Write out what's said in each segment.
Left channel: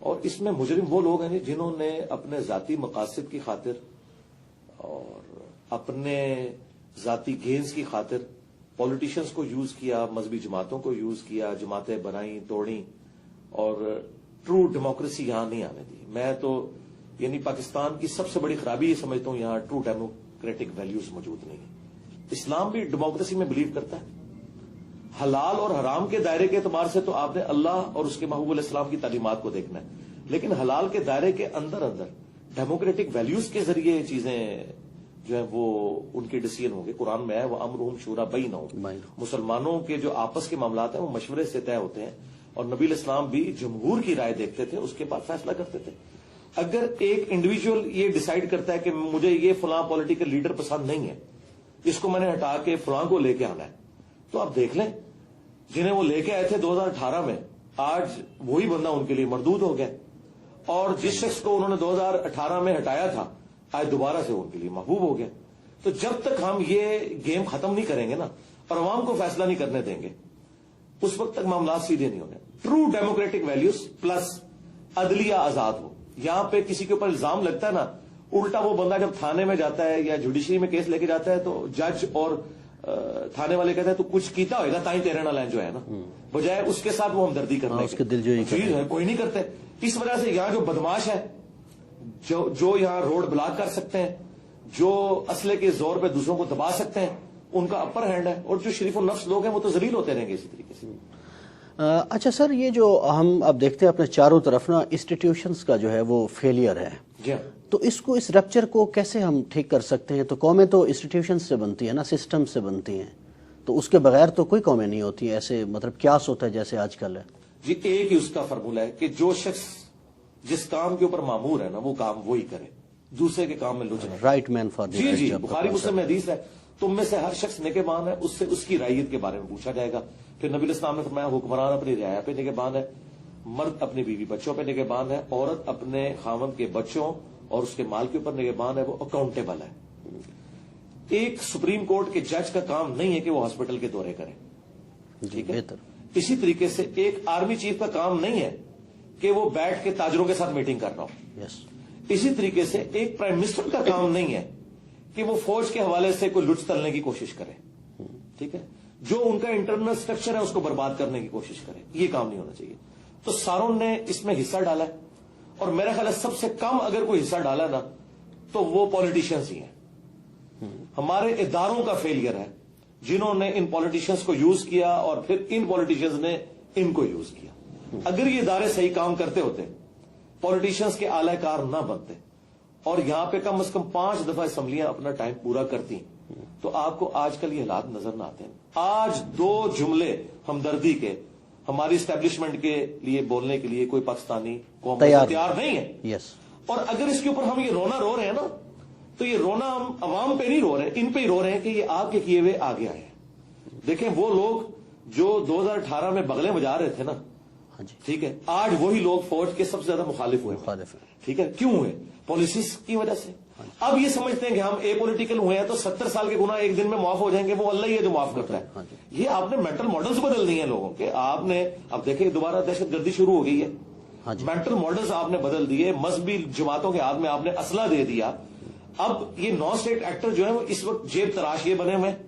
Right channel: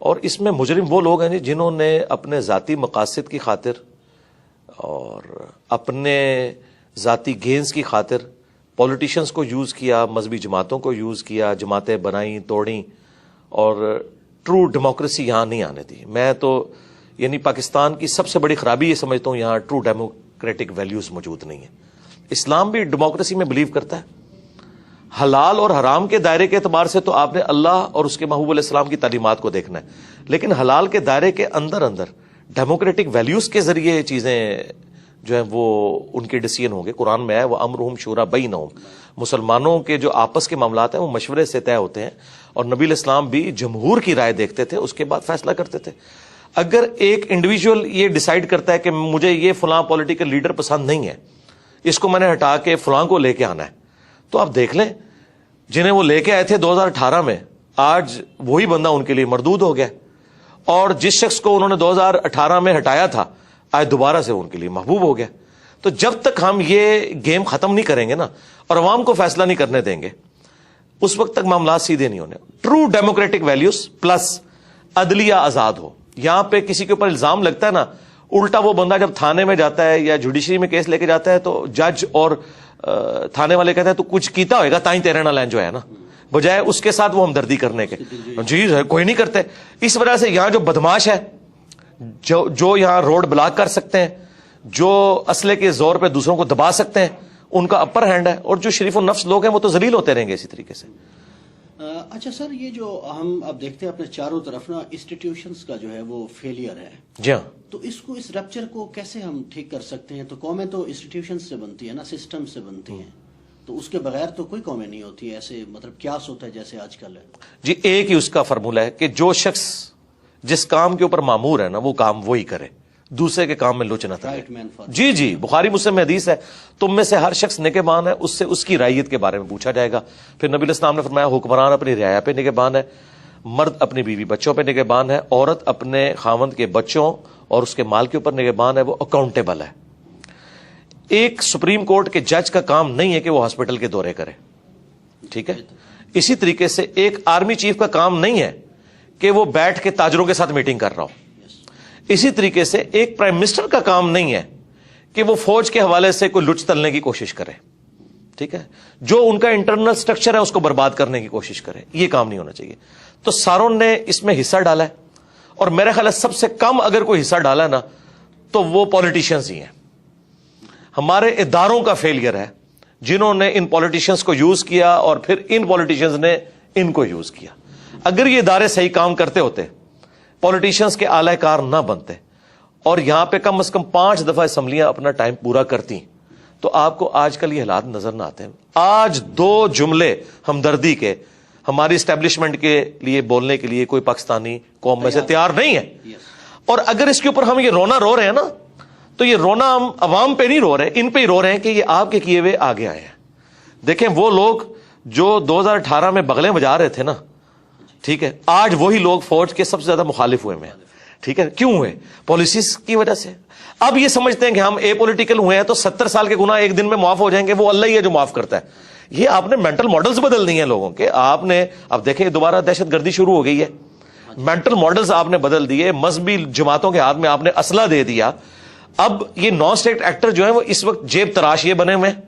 اور اس میں مجرم وہ لوگ ہیں جی جنہوں نے اپنے ذاتی مقاصد کی خاطر اور اپنے ذاتی گینز کی خاطر پولیٹیشنز کو یوز کیا، مذہبی جماعتوں کو یوز کیا، جماعتیں بنائیں توڑیں، اور ٹرو ڈیموکریسی یہاں نہیں آنے دی. میں تو یعنی پاکستان کی سب سے بڑی خرابی یہ سمجھتا ہوں یہاں ٹرو ڈیموکریٹک ویلیوز موجود نہیں ہیں. اسلام بھی ڈیموکریسی میں بلیو کرتا ہے. حلال اور حرام کے دائرے کے اعتبار سے تو آپ نے اللہ اور اس کے محبوب علیہ السلام کی تعلیمات کو دیکھنا ہے، لیکن حلال کے دائرے کے اندر ڈیموکریٹک ویلیوز کے ذریعے یہ چیزیں جو ہیں وہ ان کے ڈیسیژن ہوں گے. قرآن میں ہے وہ امرہم شورا بینہم، مسلمانوں کے جو آپس کے معاملات ہیں وہ مشورے سے طے ہوتے ہیں، اور نبی علیہ السلام بھی جمہور کی رائے دیکھتے تھے، اس کے بعد فیصلہ کرتے تھے. اگر ایک انڈیویجول یہ ڈیسائیڈ کرتا ہے کہ مجھے یہ فلاں پولیٹیکل لیڈر پسند نہیں ہے، اس کو میں نے ہٹا کے فلاں کو لے کے آنا ہے، تو آپ دیکھ لیں جنہیں وہ لے کے آئے تھے 2018 میں، آج وہی بندہ ان کے لیے مردود ہو گیا، اور جس شخص کو انہوں نے 2018 میں ہٹایا تھا آج دوبارہ سے ان کے لیے محبوب ہو گیا. تو جب تک ہم یہ گیم ختم نہیں کریں گے نا اور عوام کو فیصلہ نہیں کرنے دیں گے، اس وقت تک معاملات سیدھے نہیں ہونے. ٹرو ڈیموکریٹک ویلیوز پلس عدلیہ آزاد ہو. یہاں پہ کسی کے اوپر الزام لگتا ہے نا، الٹا وہ بندہ جب تھانے میں جاتا ہے یا جوڈیشری میں کیس لے کے جاتا ہے تو جج اور تھانے والے کہتے ہیں تو کچھ کیتا ہوئے گا تائیں تیرے نہ لین جو ہے نا، بجائے اس کے ساتھ وہ ہمدردی کرنے کے. جی کوئی نہیں کرتے. اس وجہ سے یہاں جو بدماش ہے، جو یہاں روڈ بلاک کر سکتے ہیں، جو اسلحے کے زور پہ دوسروں کو دبا سکتے ہیں، ان کا اپر ہینڈ ہے، اور جو شریف النفس لوگ ہیں وہ تو ذلیل ہوتے رہیں گے اسی طریقے سے. اچھا سر، یہ جو ہم اب دیکھتے ہیں اپنے چاروں طرف نا انسٹیٹیوشنز کا جو ہے وہ فیلئر ہے، جی ہاں، تو اس رپچر کو کیسے ہم ٹھیک کر سکتے ہیں؟ تو قومیں تو انسٹیٹیوشنز سے بنتی ہیں نا، سسٹم سے بنتی ہیں، تو اس کے بغیر تو کوئی قومیں نہیں ہوتی ہیں. ایسے مطلب کیاس ہوتا ہے جیسے آج کل ہے. جی ایک ہی اس کا فارمولہ ہے کہ جو شخص جس کام کے اوپر مامور ہے نا وہ کام وہی کرے، دوسرے کے کام میں لچ نہ کرے. رائٹ مین فار جی بخاری مسلم میں حدیث ہے، تم میں سے ہر شخص نگہبان ہے، اس سے اس کی رعیت کے بارے میں پوچھا جائے گا. پھر نبی علیہ السلام نے فرمایا حکمران اپنی رعایا پہ نگہبان ہے، مرد اپنی بیوی بچوں پہ نگہبان ہے، عورت اپنے خاوند کے بچوں اور اس کے مال کے اوپر نگہبان ہے، وہ اکاؤنٹیبل ہے. ایک سپریم کورٹ کے جج کا کام نہیں ہے کہ وہ ہاسپٹل کے دورے کرے، ٹھیک ہے. اسی طریقے سے ایک آرمی چیف کا کام نہیں ہے کہ وہ بیٹھ کے تاجروں کے ساتھ میٹنگ کر رہا ہو. اسی طریقے سے ایک پرائم منسٹر کا کام نہیں ہے کہ وہ فوج کے حوالے سے کوئی لچ تلنے کی کوشش کرے، ٹھیک ہے، جو ان کا انٹرنل سٹرکچر ہے اس کو برباد کرنے کی کوشش کرے. یہ کام نہیں ہونا چاہیے. تو ساروں نے اس میں حصہ ڈالا ہے، اور میرے خیال ہے سب سے کم اگر کوئی حصہ ڈالا ہے نا تو وہ پولیٹیشنز ہی ہیں. ہمارے اداروں کا فیلئر ہے جنہوں نے ان پولیٹیشنز کو یوز کیا اور پھر ان پولیٹیشنز نے ان کو یوز کیا. اگر یہ ادارے صحیح کام کرتے ہوتے، پولیٹیشنز کے اعلی کار نہ بنتے، اور یہاں پہ کم از کم 5 دفعہ اسمبلیاں اپنا ٹائم پورا کرتی، تو آپ کو آج کل یہ حالات نظر نہ آتے ہیں. آج 2 جملے ہمدردی کے ہماری اسٹیبلشمنٹ کے لیے بولنے کے لیے کوئی پاکستانی قوم میں سے تیار نہیں ہے. اور اگر اس کے اوپر ہم یہ رونا رو رہے ہیں نا، تو یہ رونا ہم عوام پہ نہیں رو رہے، ان پہ ہی رو رہے ہیں کہ یہ آپ کے کیے ہوئے آگے آئے ہیں. دیکھیں وہ لوگ جو 2018 میں بغلیں بجا رہے تھے نا، ٹھیک ہے، آج وہی لوگ فوج کے سب سے زیادہ مخالف ہوئے ہیں. ٹھیک ہے، کیوں ہوئے؟ پالیسیز کی وجہ سے. اب یہ سمجھتے ہیں کہ ہم اے پولیٹیکل ہوئے ہیں تو 70 سال کے گناہ ایک دن میں معاف ہو جائیں گے، وہ اللہ ہی ہے جو معاف کرتا ہے. یہ آپ نے مینٹل ماڈلز بدل دی ہیں لوگوں کے. آپ نے اب دیکھیں دوبارہ دہشت گردی شروع ہو گئی ہے. مینٹل ماڈلز آپ نے بدل دیے، مذہبی جماعتوں کے ہاتھ میں آپ نے اسلحہ دے دیا. اب یہ نان اسٹیٹ ایکٹر جو ہیں وہ اس وقت جیب تراش یہ بنے ہوئے ہیں،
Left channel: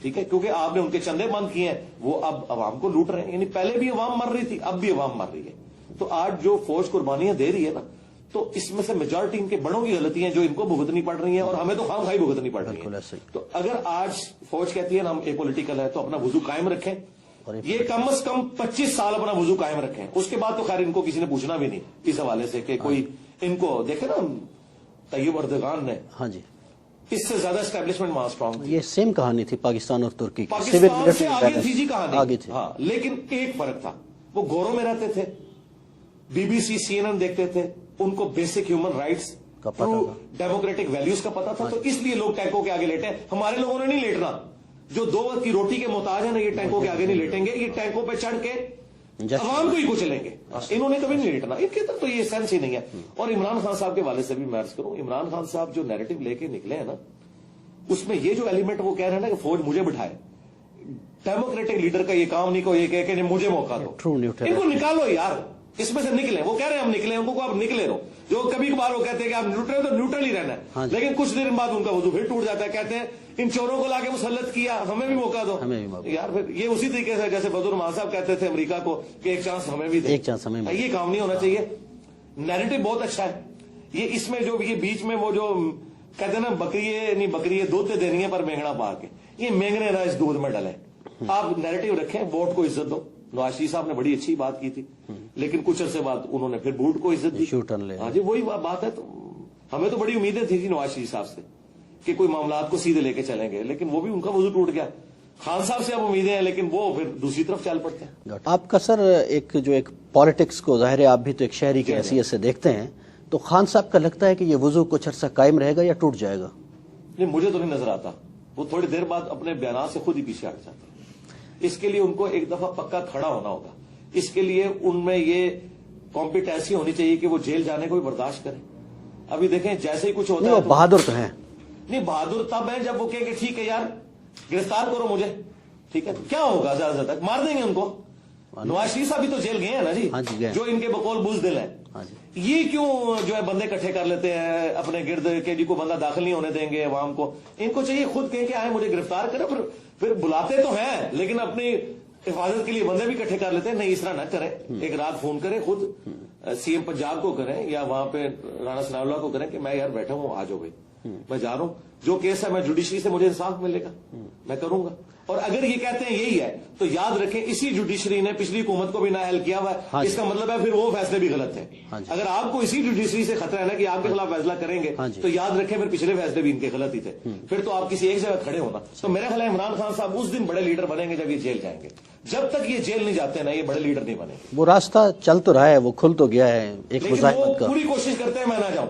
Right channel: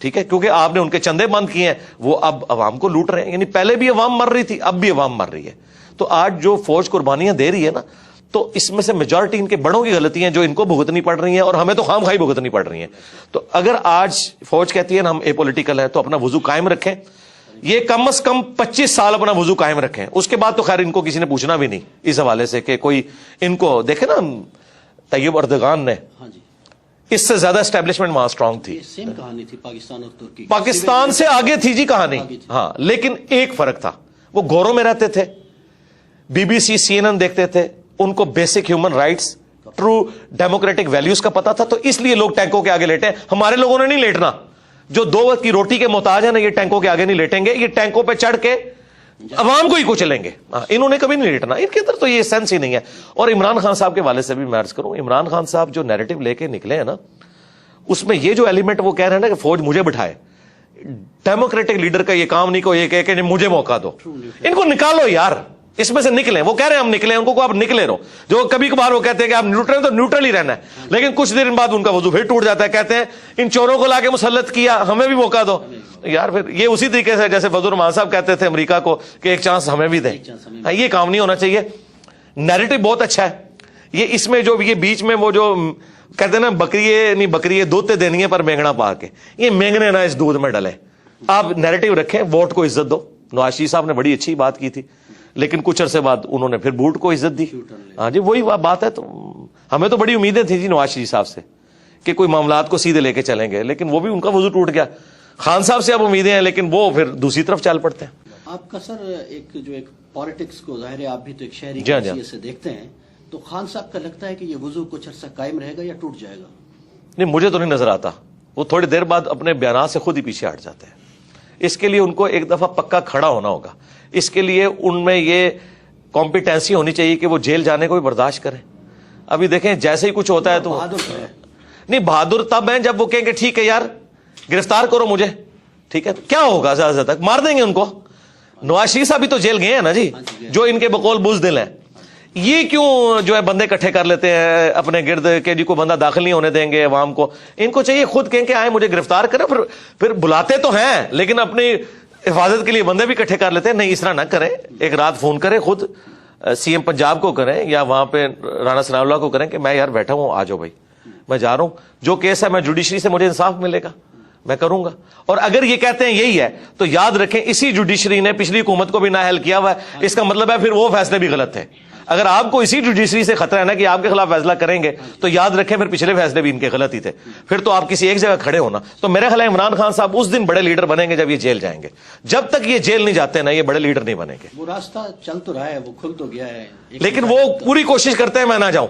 ٹھیک ہے، کیونکہ آپ نے ان کے چندے بند کیے ہیں، وہ اب عوام کو لوٹ رہے ہیں. یعنی پہلے بھی عوام مر رہی تھی، اب بھی عوام مر رہی ہے. تو آج جو فوج قربانیاں دے رہی ہے نا، تو اس میں سے میجورٹی ان کے بڑوں کی غلطی ہیں جو ان کو بھگتنی پڑ رہی ہیں، اور ہمیں تو خام خواہی بھگتنی پڑ رہی ہیں. تو اگر آج فوج کہتی ہے نا ہم اے پولیٹیکل ہے، تو اپنا وضو قائم رکھیں. یہ کم از کم 25 سال اپنا وضو قائم رکھیں. اس کے بعد تو خیر ان کو کسی نے پوچھنا بھی نہیں اس حوالے سے کہ کوئی ان کو دیکھے نا. طیب اردگان نے اس سے زیادہ اسٹیبلشمنٹ وہاں اسٹرانگ تھی. سیم کہانی تھی پاکستان اور ترکی، پاکستان سے آگے تھی جی کہانی. ہاں، لیکن ایک فرق تھا، وہ گوروں میں رہتے تھے، بی بی سی CNN دیکھتے تھے، ان کو basic human rights, true democratic values کا پتا تھا. تو اس لیے لوگ ٹینکوں کے آگے لیٹے. ہمارے لوگوں نے نہیں لیٹنا. جو 2 وقت کی روٹی کے محتاج ہیں نا، یہ ٹینکوں کے آگے نہیں لیٹیں گے. یہ ٹینکوں پہ چڑھ کے عوام کو ہی کچلیں گے. انہوں نے کبھی نہیں لیٹنا. ان کے اندر تو یہ سینس ہی نہیں ہے. اور عمران خان صاحب کے والے سے بھی میں عرض کروں، عمران خان صاحب جو نیریٹو لے کے نکلے ہیں نا، اس میں یہ جو ایلیمنٹ وہ کہہ رہے ہیں نا کہ فوج مجھے بٹھائے، ڈیموکریٹک لیڈر کا یہ کام نہیں کو یہ کہے کہ مجھے موقع دو. ان کو نکالو یار. اس میں سے نکلیں. وہ کہہ رہے ہیں ہم نکلیں, ان کو آپ نکلے رہو. جو کبھی کبھار وہ کہتے ہیں کہ آپ نیوٹرل, تو نیوٹرل ہی رہنا ہے, لیکن کچھ دیر بعد ان کا وضو پھر ٹوٹ جاتا ہے. کہتے ہیں ان چوروں کو لا کے مسلط کیا, ہمیں بھی موقع دو. یار پھر یہ اسی طریقے سے جیسے فضل الرحمان صاحب کہتے تھے امریکہ کو کہ ایک چانس ہمیں بھی دیں. یہ کام نہیں ہونا چاہیے. نیریٹو بہت اچھا ہے یہ, اس میں جو یہ بیچ میں وہ جو کہتے ہیں نا بکری نہیں بکری دودھ دینی ہے پر مینگنا پا کے, یہ مینگنے نہ اس دودھ میں ڈلے. آپ نیریٹو رکھیں, ووٹ کو عزت دو. نواز شریف صاحب نے بڑی اچھی بات کی تھی, لیکن کچھ عرصے بعد انہوں نے پھر بوٹ کو عزت دی. ہاں جی وہی بات ہے. تو ہمیں تو بڑی امیدیں تھیں جی نواز شریف صاحب سے کہ کوئی معاملات کو سیدھے لے کے چلیں گے, لیکن وہ بھی ان کا وضو ٹوٹ گیا. خان صاحب سے اب امیدیں ہیں, لیکن وہ پھر دوسری طرف چل پڑتے ہیں. آپ کا سر ایک پالیٹکس کو ظاہر ہے آپ بھی تو ایک شہری کی حیثیت سے دیکھتے ہیں, تو خان صاحب کا لگتا ہے کہ یہ وضو کچھ عرصہ قائم رہے گا یا ٹوٹ جائے گا؟ نہیں مجھے تو نہیں نظر آتا. وہ تھوڑی دیر بعد اپنے بیانات سے خود ہی پیچھے ہٹ جاتے ہیں. اس کے لیے ان کو ایک دفعہ پکا کھڑا ہونا ہوگا. اس کے لیے ان میں یہ کمپیٹنسی ہونی چاہیے کہ وہ جیل جانے کو بھی برداشت کریں. ابھی دیکھیں جیسے ہی کچھ ہوتا ہے تو بہادر تو ہے. نہیں بہادر تب ہیں جب وہ کہیں گے ٹھیک ہے یار گرفتار کرو مجھے, ٹھیک ہے کیا ہوگا زیادہ تک مار دیں گے ان کو. نواز شریف صاحب بھی تو جیل گئے ہیں نا جی, جو ان کے بقول بزدل ہیں. یہ کیوں جو ہے بندے اکٹھے کر لیتے ہیں اپنے گرد کہ جی کو بندہ داخل نہیں ہونے دیں گے عوام کو. ان کو چاہیے خود کہیں کہ آئے مجھے گرفتار کریں, پھر بلاتے تو ہیں لیکن اپنی حفاظت کے لیے بندے بھی اکٹھے کر لیتے ہیں. نہیں اس طرح نہ کریں, ایک رات فون کریں خود سی ایم پنجاب کو کریں یا وہاں پہ رانا ثناء اللہ کو کریں کہ میں یار بیٹھا ہوں, آ جاؤ بھائی میں جا رہا ہوں, جو کیس ہے میں جوڈیشری سے مجھے انصاف ملے گا میں کروں گا. اور اگر یہ کہتے ہیں یہی ہے تو یاد رکھیں اسی جوڈیشری نے پچھلی حکومت کو بھی نااہل کیا ہوا ہے. اس کا مطلب ہے پھر وہ فیصلے بھی غلط تھے. اگر آپ کو اسی جوڈیشری سے خطرہ ہے نا کہ آپ کے خلاف فیصلہ کریں گے تو یاد رکھیں پھر پچھلے فیصلے بھی ان کے غلط ہی تھے. پھر تو آپ کسی ایک جگہ کھڑے ہونا. تو میرا خیال ہے عمران خان صاحب اس دن بڑے لیڈر بنیں گے جب یہ جیل جائیں گے. جب تک یہ جیل نہیں جاتے نا یہ بڑے لیڈر نہیں بنیں گے. وہ راستہ چل تو رہا ہے, وہ کھل تو گیا ہے, لیکن وہ پوری کوشش کرتے ہیں میں نہ جاؤں.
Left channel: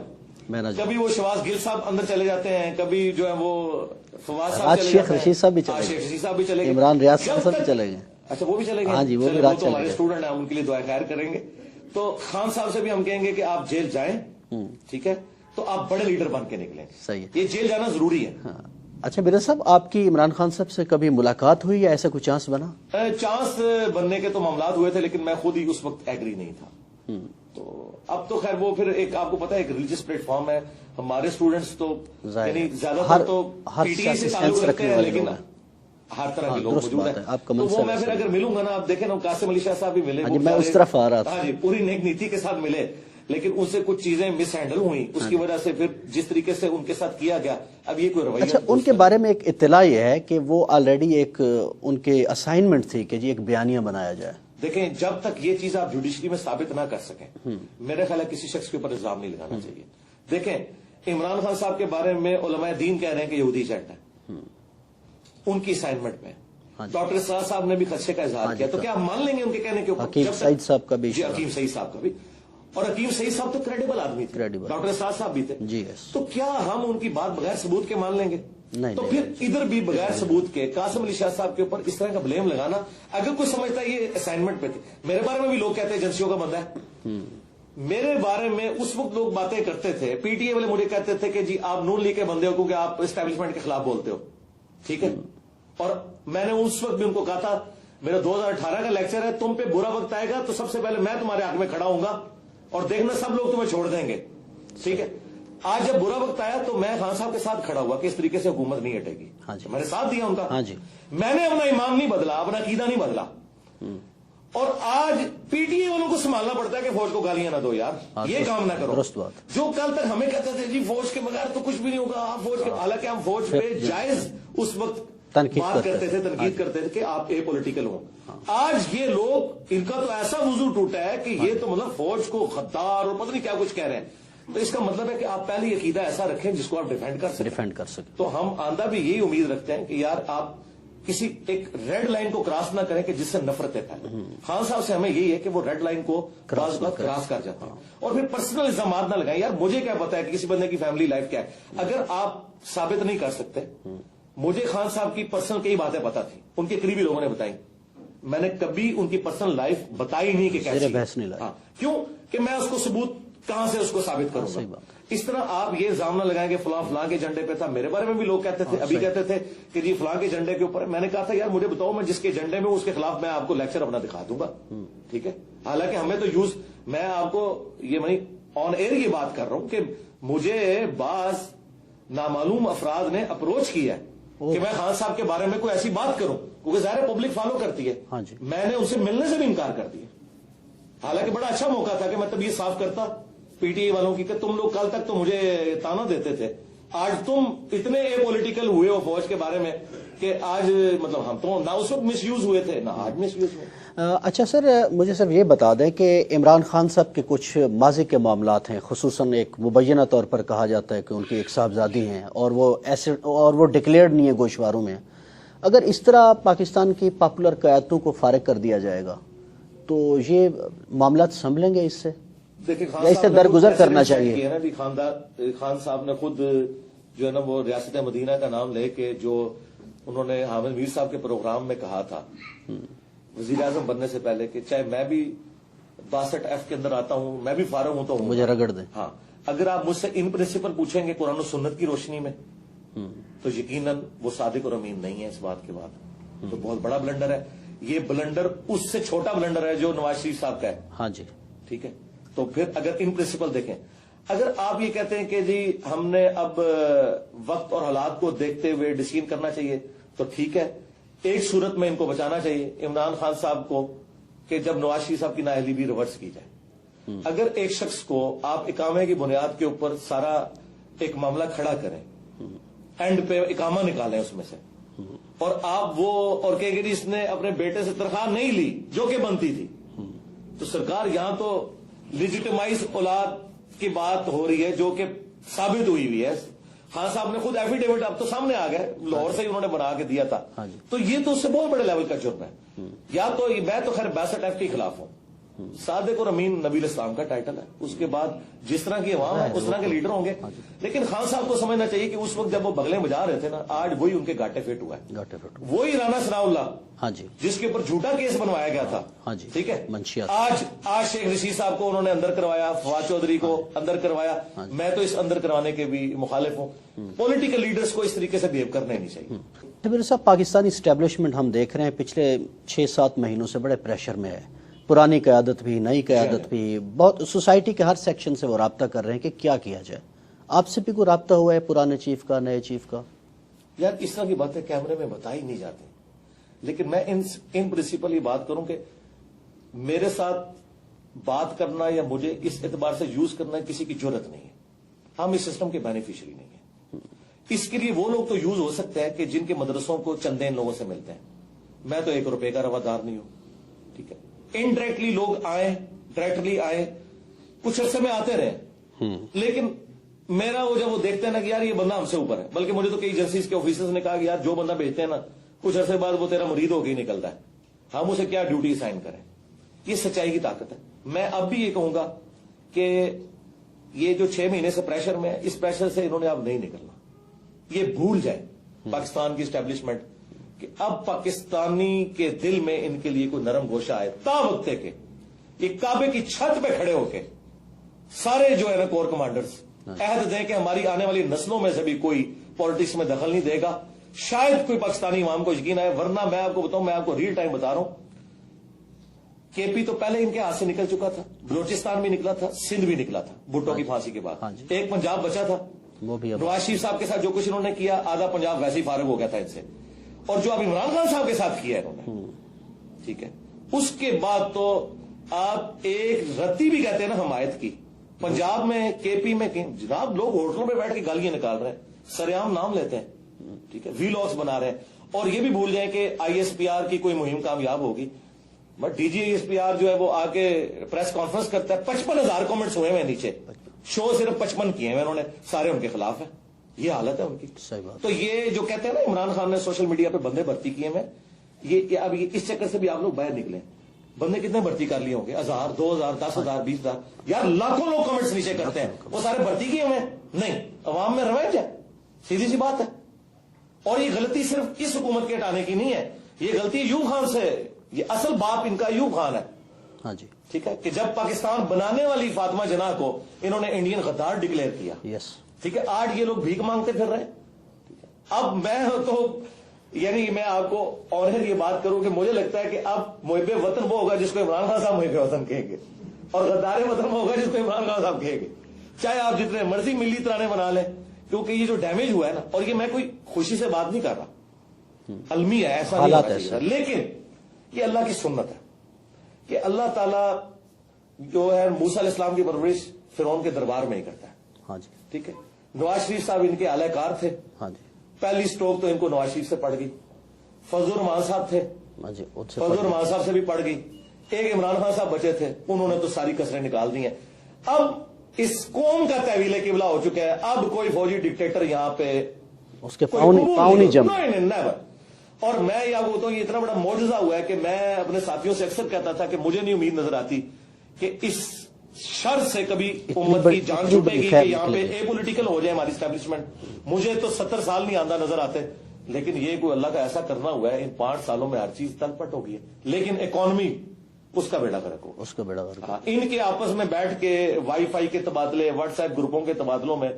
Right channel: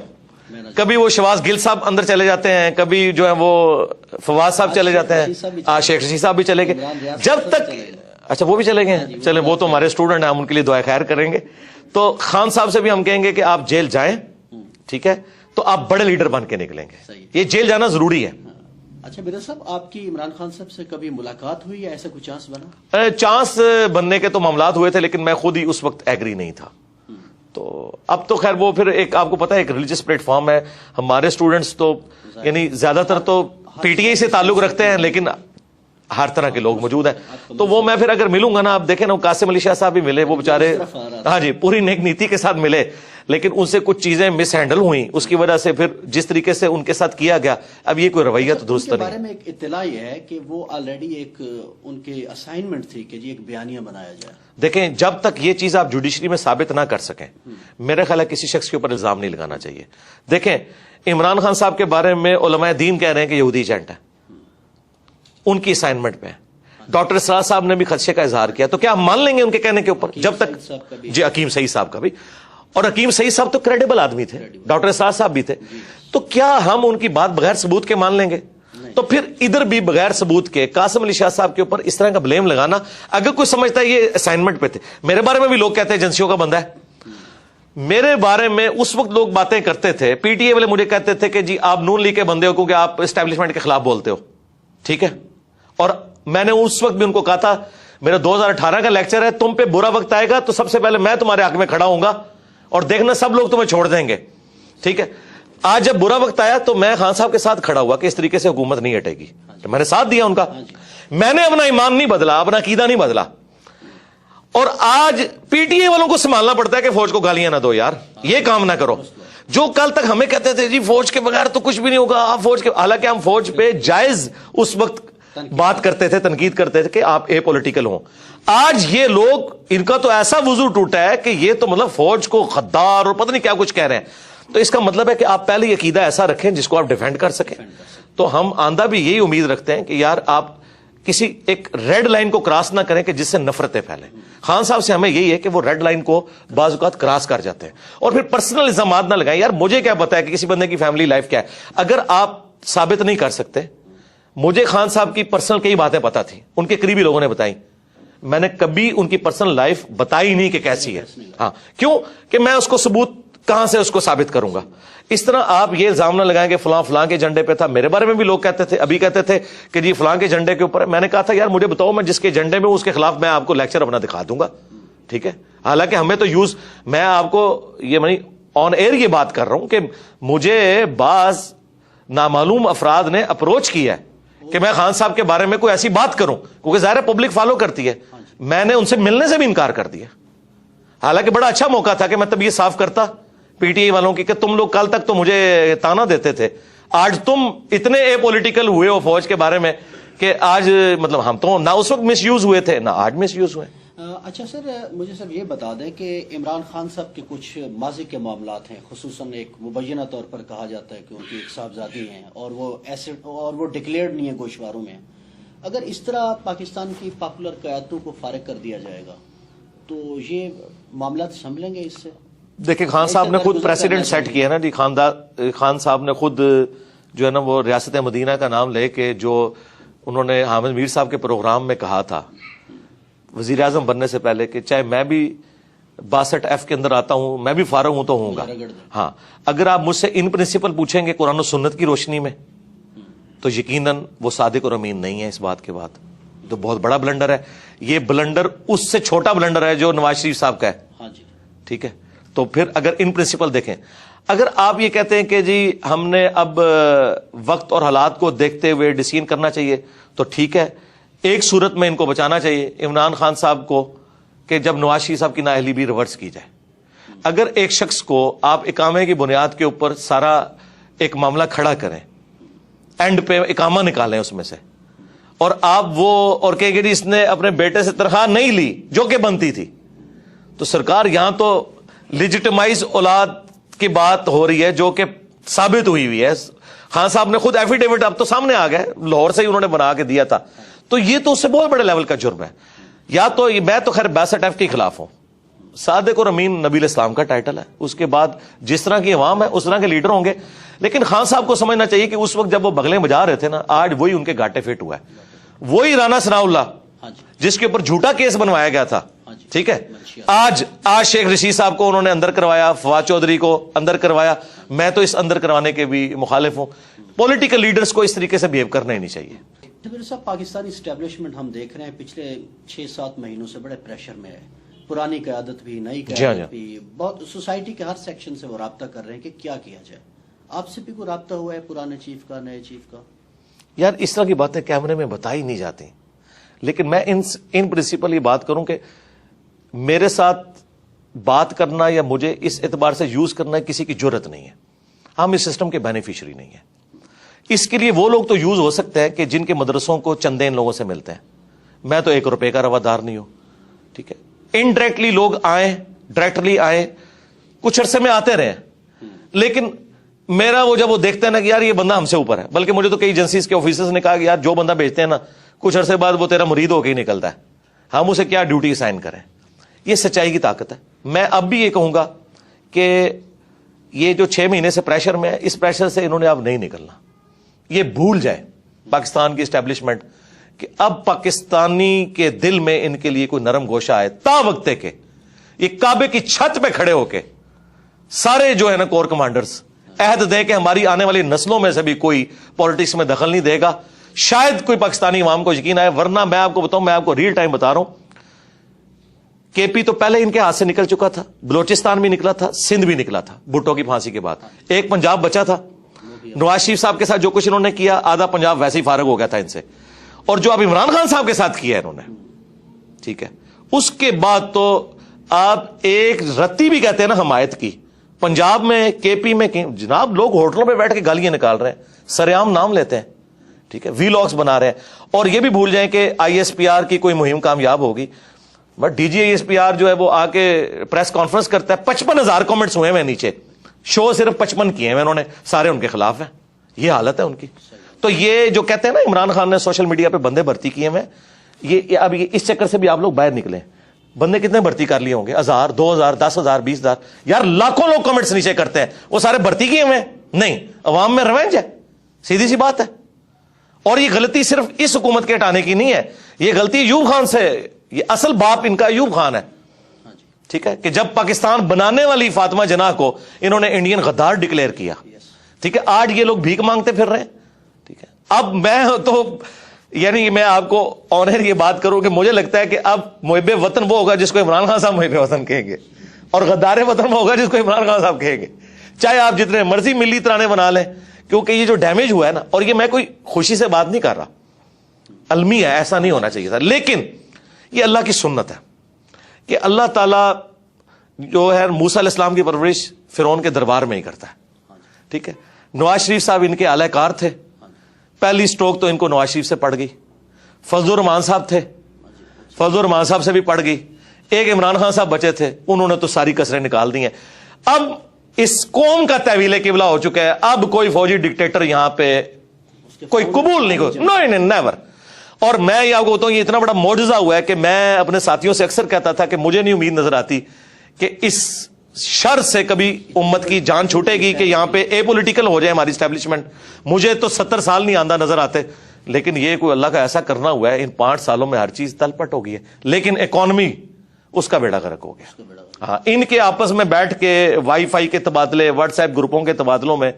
کبھی وہ شواز گل صاحب اندر چلے جاتے ہیں, کبھی جو ہے وہ فواز صاحب چلے جاتے ہیں, شیخ رشید صاحب بھی چلے گئے. جب تک اچھا وہ بھی چلے گئے, چلے وہ تو ہمارے اسٹوڈنٹ ہیں, ہم ان کے لیے دعا خیر کریں گے. تو خان صاحب سے بھی ہم کہیں گے کہ آپ جیل جائیں, ٹھیک ہے, تو آپ بڑے لیڈر بن کے نکلیں گے. یہ جیل جانا ضروری ہے. اچھا میرا صاحب آپ کی عمران خان صاحب سے کبھی ملاقات ہوئی یا ایسا کوئی چانس بنا؟ چانس بننے کے تو معاملات ہوئے تھے لیکن میں خود ہی اس وقت ایگری نہیں تھا. تو اب تو خیر وہ پھر ایک آپ کو پتا ہے ایک ریلیجس پلیٹ فارم ہے. ہمارے اسٹوڈنٹس تو یعنی زیادہ تر تو پی ٹی آئی سے تعلق رکھتے ہیں, لیکن ہر طرح کے لوگ موجود ہیں. تو وہ میں پھر اگر ملوں گا نا, آپ دیکھیں نا قاسم علی شاہ صاحب بھی ملے, وہ بیچارے ہاں جی پوری نیک نیتی کے ساتھ ملے, لیکن ان سے کچھ چیزیں مس ہینڈل ہوئیں, اس کی وجہ سے پھر جس طریقے سے ان کے ساتھ کیا گیا اب یہ کوئی رویہ تو اس کے بارے میں ایک اطلاع یہ ہے کہ وہ آلریڈی ایک ان کے اسائنمنٹ تھی کہ جی ایک بیانیہ بنایا جائے. دیکھیں جب تک یہ چیز آپ جوڈیشری میں ثابت نہ کر سکیں میرا خیال ہے کسی شخص کے اوپر الزام نہیں لگانا چاہیے. دیکھیں عمران خان صاحب کے بارے میں علماء دین کہہ رہے ہیں کہ یہودی ایجنٹ ہے, ان کی اسائنمنٹ میں ڈاکٹر اسرار صاحب نے بھی خدشے کا اظہار کیا. تو کیا ہم مان لیں گے ان کے کہنے کے اوپر؟ جب تک جی حکیم سعید صاحب کا بھی, اور حکیم سعید صاحب تو کریڈیبل آدمی تھے, ڈاکٹر اسرار صاحب بھی تھے, تو کیا ہم ان کی بات بغیر ثبوت کے مان لیں گے؟ تو پھر ادھر بھی بغیر ثبوت کے قاسم علی شاہ صاحب کے اوپر اس طرح کا بلیم لگانا, اگر کوئی سمجھتا ہے یہ اسائنمنٹ پہ تھے. میرے بارے میں بھی لوگ کہتے ہیں ایجنسیوں کا بندہ ہے. میرے بارے میں اس وقت لوگ باتیں کرتے تھے, پی ٹی اے والے مجھے کہتے تھے کہ جی آپ نون لیگ کے بندے ہو کیونکہ آپ اسٹیبلشمنٹ کے خلاف بولتے ہو, ٹھیک ہے. اور میں نے اس وقت بھی ان کو کہا تھا میرا 2018 کا لیکچر ہے, تم پہ برا وقت آئے گا تو سب سے پہلے میں تمہارے حق میں کھڑا ہوں گا اور دیکھنا سب لوگ تمہیں چھوڑ دیں گے, ٹھیک ہے. آج جب برا وقت آیا تو میں خان صاحب کے ساتھ کھڑا ہوا کہ اس طریقے سے حکومت نہیں ہٹے گی, میں نے ساتھ دیا ان کا. میں نے اپنا ایمان نہیں بدلا, اپنا عقیدہ نہیں بدلا. اور آج پی ٹی اے والوں کو سنبھالنا پڑتا ہے کہ فوج کو گالیاں نہ دو یار, یہ کام نہ کرو. جو کل تک ہمیں کہتے تھے جی فوج کے بغیر تو کچھ بھی نہیں ہوگا, آپ فوج کے, حالانکہ ہم فوج پہ جائز اس وقت بات کرتے تھے, تنقید کرتے تھے کہ آپ اے پولیٹیکل ہوں. آج یہ لوگ ان کا تو ایسا وضو ٹوٹا ہے کہ یہ تو مطلب فوج کو غدار اور پتہ نہیں کیا کچھ کہہ رہے ہیں. تو اس کا مطلب ہے کہ آپ پہلے یہ عقیدہ ایسا رکھیں جس کو آپ ڈیفینڈ کر سکیں. تو ہم آندہ بھی یہی امید رکھتے ہیں کہ یار آپ کسی ایک ریڈ لائن کو کراس نہ کریں کہ جس سے نفرتیں پھیلیں. خان صاحب سے ہمیں یہی ہے کہ وہ ریڈ لائن کو بعض اوقات کراس کر جاتے ہیں اور پھر پرسنل الزامات نہ لگائیں. یار مجھے کیا پتا ہے کہ کسی بندے کی فیملی لائف کیا ہے, اگر آپ ثابت نہیں کر سکتے. مجھے خان صاحب کی پرسنل کئی باتیں پتا تھی, ان کے قریبی لوگوں نے بتائی, میں نے کبھی ان کی پرسنل لائف بتائی نہیں کہ کیسی ہے. ہاں کیوں کہ میں اس کو ثبوت کہاں سے اس کو ثابت کروں گا. اس طرح آپ یہ الزام نہ لگائیں کہ فلاں فلاں کے جھنڈے پہ تھا. میرے بارے میں بھی لوگ کہتے تھے, ابھی کہتے تھے کہ جی فلاں کے جھنڈے کے اوپر. میں نے کہا تھا یار مجھے بتاؤ, میں جس کے جھنڈے میں اس کے خلاف میں آپ کو لیکچر اپنا دکھا دوں گا, ٹھیک ہے. حالانکہ ہمیں تو یوز, میں آپ کو یہ آن ایئر یہ بات کر رہا ہوں کہ مجھے بعض نامعلوم افراد نے اپروچ کیا ہے کہ میں خان صاحب کے بارے میں کوئی ایسی بات کروں, کیونکہ ظاہر پبلک فالو کرتی ہے. میں نے ان سے ملنے سے بھی انکار کر دیا, حالانکہ بڑا اچھا موقع تھا کہ میں تب یہ صاف کرتا پی ٹی آئی والوں کی کہ تم لوگ کل تک تو مجھے تانا دیتے تھے, آج تم اتنے اے پولیٹیکل ہوئے ہو فوج کے بارے میں کہ آج مطلب ہم تو نہ اس وقت مس یوز ہوئے تھے نہ آج مس یوز ہوئے. اچھا سر, مجھے صرف یہ بتا دیں کہ عمران خان صاحب کے کچھ ماضی کے معاملات ہیں, خصوصاً ایک مبینہ طور پر کہا جاتا ہے کہ ان کی ایک صاحبزادی ہیں اور وہ ڈکلیئرڈ نہیں ہے گوشواروں میں. اگر اس طرح پاکستان کی پاپولر قیادتوں کو فارغ کر دیا جائے گا تو یہ معاملات سنبھلیں گے اس سے؟ دیکھیں خان صاحب نے خود پریسیڈنٹ سیٹ کیا نا جی, خان صاحب نے خود جو ہے نا وہ ریاست مدینہ کا نام لے کے جو انہوں نے حامد میر صاحب کے پروگرام میں کہا تھا وزیر اعظم بننے سے پہلے کہ چاہے میں بھی 62F کے اندر آتا ہوں, میں بھی فارغ ہوں تو ہوں گا. ہاں, اگر آپ مجھ سے ان پرنسپل پوچھیں گے قرآن و سنت کی روشنی میں تو یقیناً وہ صادق اور امین نہیں ہے. اس بات کے بعد تو بہت بڑا بلنڈر ہے. یہ بلنڈر اس سے چھوٹا بلنڈر ہے جو نواز شریف صاحب کا ہے. ہاں جی, ٹھیک ہے. تو پھر اگر ان پرنسپل دیکھیں, اگر آپ یہ کہتے ہیں کہ جی ہم نے اب وقت اور حالات کو دیکھتے ہوئے ڈیسیژن کرنا چاہیے تو ٹھیک ہے, ایک صورت میں ان کو بچانا چاہیے عمران خان صاحب کو کہ جب نواز شریف صاحب کی نااہلی بھی ریورس کی جائے. اگر ایک شخص کو آپ اقامے کی بنیاد کے اوپر سارا ایک معاملہ کھڑا کریں, اینڈ پہ اقامہ نکالیں اس میں سے, اور آپ وہ اور کہیں کہ اس نے اپنے بیٹے سے تنخواہ نہیں لی جو کہ بنتی تھی, تو سرکار یہاں تو لیجیٹمائز اولاد کی بات ہو رہی ہے جو کہ ثابت ہوئی ہے. خان صاحب نے خود ایفیڈیوٹ اب تو سامنے آ گئے, لاہور سے ہی انہوں نے بنا کے دیا تھا. تو یہ تو اس سے بہت بڑے لیول کا جرم ہے. یا تو میں تو خیر 62F کے خلاف ہوں. صادق اور امین نبی الاسلام کا ٹائٹل ہے, اس کے بعد جس طرح کی عوام ہے اس طرح کے لیڈر ہوں گے. لیکن خان صاحب کو سمجھنا چاہیے کہ اس وقت جب وہ بغلیں بجا رہے تھے نا, آج وہی ان کے گاٹے فٹ ہوا ہے. وہی رانا ثناء اللہ جس کے اوپر جھوٹا کیس بنوایا گیا تھا, ٹھیک ہے, آج شیخ رشید صاحب کو انہوں نے اندر کروایا, فواد چودھری کو اندر کروایا. میں تو اس اندر کروانے کے بھی مخالف ہوں. پولیٹیکل لیڈرز کو اس طریقے سے بیہیو کرنا ہی نہیں چاہیے. میرے صاحب, پاکستانی اسٹیبلشمنٹ ہم دیکھ رہے ہیں پچھلے 6-7 مہینوں سے بڑے پریشر میں ہے. پرانی قیادت بھی, نئی قیادت بھی, بہت سوسائٹی کے ہر سیکشن سے وہ رابطہ کر رہے ہیں کہ کیا کیا جائے. آپ سے بھی کوئی رابطہ ہوا ہے پرانے چیف کا, نئے چیف کا؟ یار اس طرح کی باتیں کیمرے میں بتائی نہیں جاتی, لیکن میں ان پرنسپل یہ بات کروں کہ میرے ساتھ بات کرنا یا مجھے اس اعتبار سے یوز کرنا کسی کی جرت نہیں ہے. ہم اس سسٹم کے بینیفیشری نہیں ہیں. اس کے لیے وہ لوگ تو یوز ہو سکتے ہیں کہ جن کے مدرسوں کو چندے ان لوگوں سے ملتے ہیں. میں تو 1 روپے کا روادار نہیں ہوں, ٹھیک ہے. انڈائریکٹلی لوگ آئیں, ڈائریکٹلی آئیں, کچھ عرصے میں آتے رہے, لیکن میرا وہ جب وہ دیکھتے ہیں نا کہ یار یہ بندہ ہم سے اوپر ہے, بلکہ مجھے تو کئی ایجنسیز کے آفیسرز نے کہا کہ یار جو بندہ بیچتے ہیں نا کچھ عرصے بعد وہ تیرا مرید ہو کے ہی نکلتا ہے, ہم اسے کیا ڈیوٹی اسائن کریں. یہ سچائی کی طاقت ہے. میں اب بھی یہ کہوں گا کہ یہ جو 6 مہینے سے پریشر میں ہے, اس پریشر سے انہوں نے اب نہیں نکلنا. یہ بھول جائے پاکستان کی اسٹیبلشمنٹ کہ اب پاکستانی کے دل میں ان کے لیے کوئی نرم گوشہ آئے. تا وقت کہ یہ کعبے کی چھت پہ کھڑے ہو کے سارے جو ہے نا کور کمانڈرز عہد دیں کہ ہماری آنے والی نسلوں میں سے بھی کوئی پالیٹکس میں دخل نہیں دے گا, شاید کوئی پاکستانی عوام کو یقین آئے. ورنہ میں آپ کو بتاؤں, میں آپ کو ریل ٹائم بتا رہا ہوں, کے پی تو پہلے ان کے ہاتھ سے نکل چکا تھا, بلوچستان بھی نکلا تھا, سندھ بھی نکلا تھا بھٹو کی پھانسی کے بعد. ایک پنجاب بچا تھا. نواز شریف صاحب کے ساتھ جو کچھ انہوں نے کیا, آدھا پنجاب ویسے ہی فارغ ہو گیا تھا ان سے. اور جو اب عمران خان صاحب کے ساتھ کیا انہوں نے, ٹھیک ہے, اس کے بعد تو آپ ایک رتی بھی کہتے ہیں نا حمایت کی. پنجاب میں, کے پی میں جناب لوگ ہوٹلوں پہ بیٹھ کے گالیاں نکال رہے ہیں, سریعام نام لیتے ہیں, ٹھیک ہے, وی لاگس بنا رہے ہیں. اور یہ بھی بھول جائیں کہ ISPR کی کوئی مہم کامیاب ہوگی, بٹ DG ISPR جو ہے وہ آ کے پریس کانفرنس کرتا ہے, 55,000 کامنٹس ہوئے ہیں نیچے, شو صرف 55 کیے ہیں انہوں نے, سارے ان کے خلاف ہیں. یہ حالت ہے ان کی. تو یہ جو کہتے ہیں نا عمران خان نے سوشل میڈیا پہ بندے بھرتی کیے ہیں, یہ اب اس چکر سے بھی آپ لوگ باہر نکلیں. بندے کتنے بھرتی کر لیے ہوں گے, 1000, 2000, 10,000, 20,000, یار لاکھوں لوگ کمنٹس نیچے کرتے ہیں, وہ سارے بھرتی کیے ہوئے نہیں. عوام میں ریونج ہے, سیدھی سی بات ہے. اور یہ غلطی صرف اس حکومت کے ہٹانے کی نہیں ہے, یہ غلطی ایوب خان سے, یہ اصل باپ ان کا ایوب خان ہے. ٹھیک ہے, کہ جب پاکستان بنانے والی فاطمہ جناح کو انہوں نے انڈین غدار ڈکلیئر کیا, ٹھیک ہے, آج یہ لوگ بھیک مانگتے پھر رہے ہیں. ٹھیک ہے, اب میں تو یعنی میں آپ کو آنر یہ بات کروں کہ مجھے لگتا ہے کہ اب محب وطن وہ ہوگا جس کو عمران خان صاحب محب وطن کہیں گے، اور غدار وطن وہ ہوگا جس کو عمران خان صاحب کہیں گے، چاہے آپ جتنے مرضی ملی ترانے بنا لیں، کیونکہ یہ جو ڈیمیج ہوا ہے نا، اور یہ میں کوئی خوشی سے بات نہیں کر رہا، المی ہے، ایسا نہیں ہونا چاہیے تھا، لیکن یہ اللہ کی سنت ہے کہ اللہ تعالیٰ جو ہے موسیٰ علیہ السلام کی پرورش فرعون کے دربار میں ہی کرتا ہے، ٹھیک ہے۔ نواز شریف صاحب ان کے اعلی کار تھے، پہلی سٹروک تو ان کو نواز شریف سے پڑ گئی، فضل الرحمان صاحب تھے، فضل الرحمان صاحب سے بھی پڑ گئی، ایک عمران خان صاحب بچے تھے، انہوں نے تو ساری کسریں نکال دی ہیں۔ اب اس قوم کا تحویل قبلہ ہو چکا ہے، اب کوئی فوجی ڈکٹیٹر یہاں پہ کوئی قبول نہیں ہوگا، نہیں نیور۔ اور میں یہ آپ کو بتاؤں، یہ اتنا بڑا معجزہ ہوا ہے کہ میں اپنے ساتھیوں سے اکثر کہتا تھا کہ مجھے نہیں امید نظر آتی کہ اس شر سے کبھی امت کی جان چھوٹے گی کہ یہاں پہ اے پولیٹیکل ہو جائے ہماری اسٹیبلشمنٹ۔ مجھے تو 70 سال نہیں آندہ نظر آتے، لیکن یہ کوئی اللہ کا ایسا کرنا ہوا ہے، ان 5 سالوں میں ہر چیز تل پٹ ہو گئی ہے، لیکن اکانومی اس کا بیڑا غرق ہو گیا۔ ہاں، ان کے آپس میں بیٹھ کے وائی فائی کے تبادلے، واٹس ایپ گروپوں کے تبادلوں میں،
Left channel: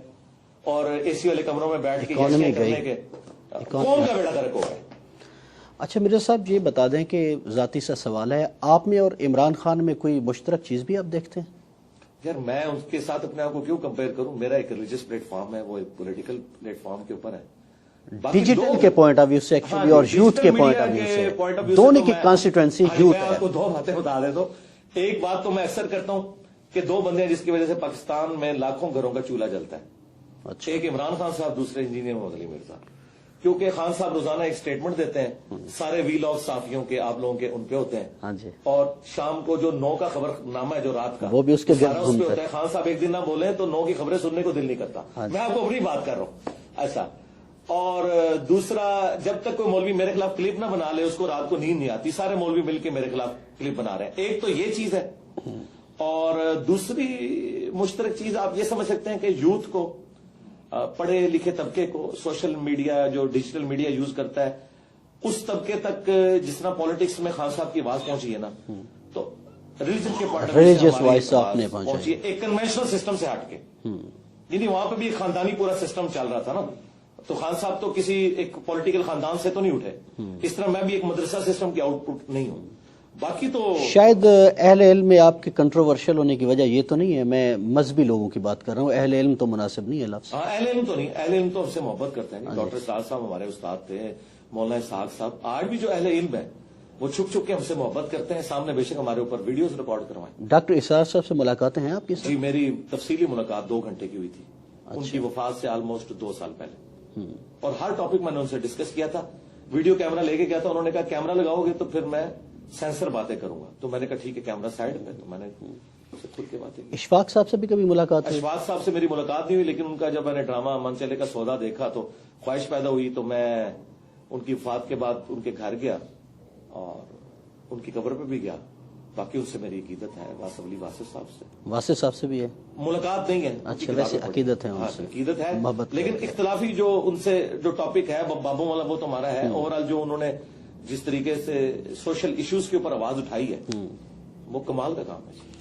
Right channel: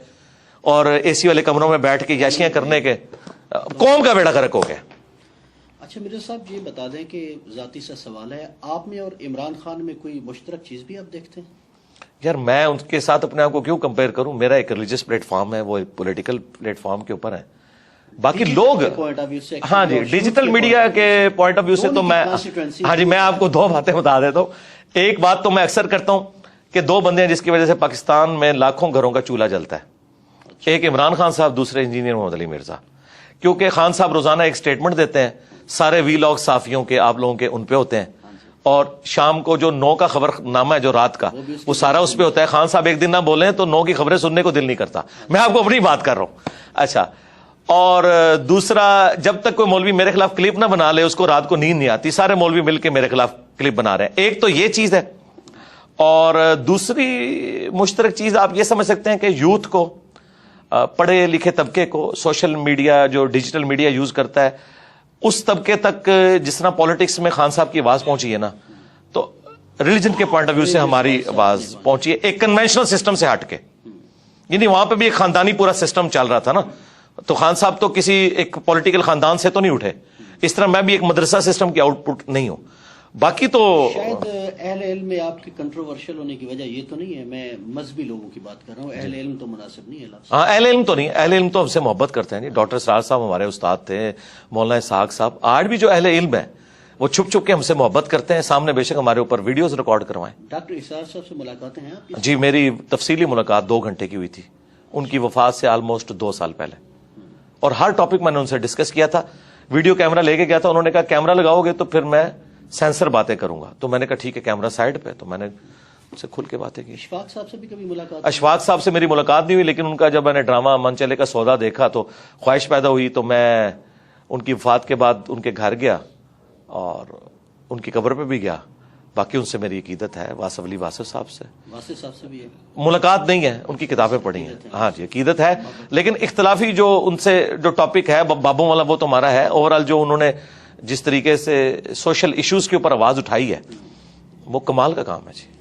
اور اے سی والے کمروں میں بیٹھ کے یاشیاں کرنے کے، قوم کا بیڑا غرق ہو گیا۔ اچھا مرزا صاحب، یہ بتا دیں کہ ذاتی سا سوال ہے، آپ میں اور عمران خان میں کوئی مشترک چیز بھی آپ دیکھتے ہیں؟ یار میں ان کے ساتھ اپنے آپ کو کیوں کمپیئر کروں؟ میرا ایک ریلیجس پلیٹ فارم ہے، وہ ایک پولیٹیکل پلیٹ فارم کے اوپر ہے، باقی لوگ ہاں جی ڈیجیٹل میڈیا کے پوائنٹ آف ویو سے تو میں ہاں جی میں آپ کو 2 باتیں بتا دیتا ہوں۔ ایک بات تو میں اکثر کرتا ہوں کہ 2 بندے ہیں جس کی وجہ سے پاکستان میں لاکھوں گھروں کا چولہا جلتا ہے، ایک عمران خان صاحب، دوسرے انجینئر محمد علی مرزا۔ کیونکہ خان صاحب روزانہ ایک سٹیٹمنٹ دیتے ہیں، سارے وی لاگ صحافیوں کے، آپ لوگوں کے ان پہ ہوتے ہیں، اور شام کو جو 9 کا خبر نامہ ہے جو رات کا، وہ سارا اس پہ ہوتا ہے۔ خان صاحب ایک دن نہ بولیں تو 9 کی خبریں سننے کو دل نہیں کرتا۔ میں آپ کو اپنی بات کر رہا ہوں۔ اچھا، اور دوسرا، جب تک کوئی مولوی میرے خلاف کلپ نہ بنا لے اس کو رات کو نیند نہیں آتی، سارے مولوی مل کے میرے خلاف کلپ بنا رہے ہیں۔ ایک تو یہ چیز ہے، اور دوسری مشترک چیز آپ یہ سمجھ سکتے ہیں کہ یوتھ کو، پڑھے لکھے طبقے کو، سوشل میڈیا جو ڈیجیٹل میڈیا یوز کرتا ہے، اس طبقے تک جس طرح پالیٹکس میں خان صاحب کی آواز پہنچی ہے نا، تو ریلیجن کے پوائنٹ آف ویو سے ہماری آواز پہنچی ہے ایک کنونشنل سسٹم سے ہٹ کے۔ یعنی وہاں پہ بھی ایک خاندانی پورا سسٹم چل رہا تھا نا، تو خان صاحب تو کسی ایک پولیٹیکل خاندان سے تو نہیں اٹھے، اس طرح میں بھی ایک مدرسہ سسٹم کی آؤٹ پٹ نہیں ہوں۔ باقی تو شاید اہل علم میں آپ کے کنٹروورشل ہونے کی وجہ یہ تو نہیں ہے، میں مذہبی لوگوں کی بات کر رہا ہوں، اہل علم تو مناسب نہیں ہے لفظ۔ ہاں، اہل علم تو نہیں، اہل علم تو ہم سے محبت کرتے ہیں۔ ڈاکٹر سراج صاحب ہمارے استاد تھے، مولانا اسحاق صاحب، آج بھی جو اہل علم ہے وہ چھپ چھپ کے ہم سے محبت کرتے ہیں، سامنے بے شک ہمارے اوپر ویڈیوز ریکارڈ کروائیں۔ ڈاکٹر اسحاق صاحب سے ملاقاتیں ہیں آپ کی؟ جی، میری تفصیلی ملاقات 2 گھنٹے کی ہوئی تھی، ان کی وفات سے آلموسٹ 2 سال پہلے، اور ہر ٹاپک میں نے ان سے ڈسکس کیا تھا۔ ویڈیو کیمرہ لے کے گیا تھا، انہوں نے کہا کیمرہ لگاؤ گے تو پھر میں سینسر باتیں کروں گا، تو میں نے کہا ٹھیک ہے، کیمرہ سائڈ پہ، تو میں نے ان سے کھل کے باتیں کی۔ اشفاق صاحب سے بھی کبھی ملاقات؟ اشفاق صاحب سے میری ملاقات نہیں ہوئی، لیکن ان کا جب میں نے ڈرامہ من چلے کا سودا دیکھا تو خواہش پیدا ہوئی، تو میں ان کی وفات کے بعد ان کے گھر گیا اور ان کی قبر پہ بھی گیا۔ باقی ان سے میری عقیدت ہے، واصف علی واصف صاحب سے۔ واصف صاحب سے بھی ہے ملاقات نہیں ہے، ان کی کتابیں پڑھی ہیں۔ ہاں جی، عقیدت ہے، لیکن اختلافی جو ان سے جو ٹاپک ہے بابوں والا، وہ تو ہمارا ہے۔ اوورآل جو انہوں نے جس طریقے سے سوشل ایشوز کے اوپر آواز اٹھائی ہے، وہ کمال کا کام ہے جی۔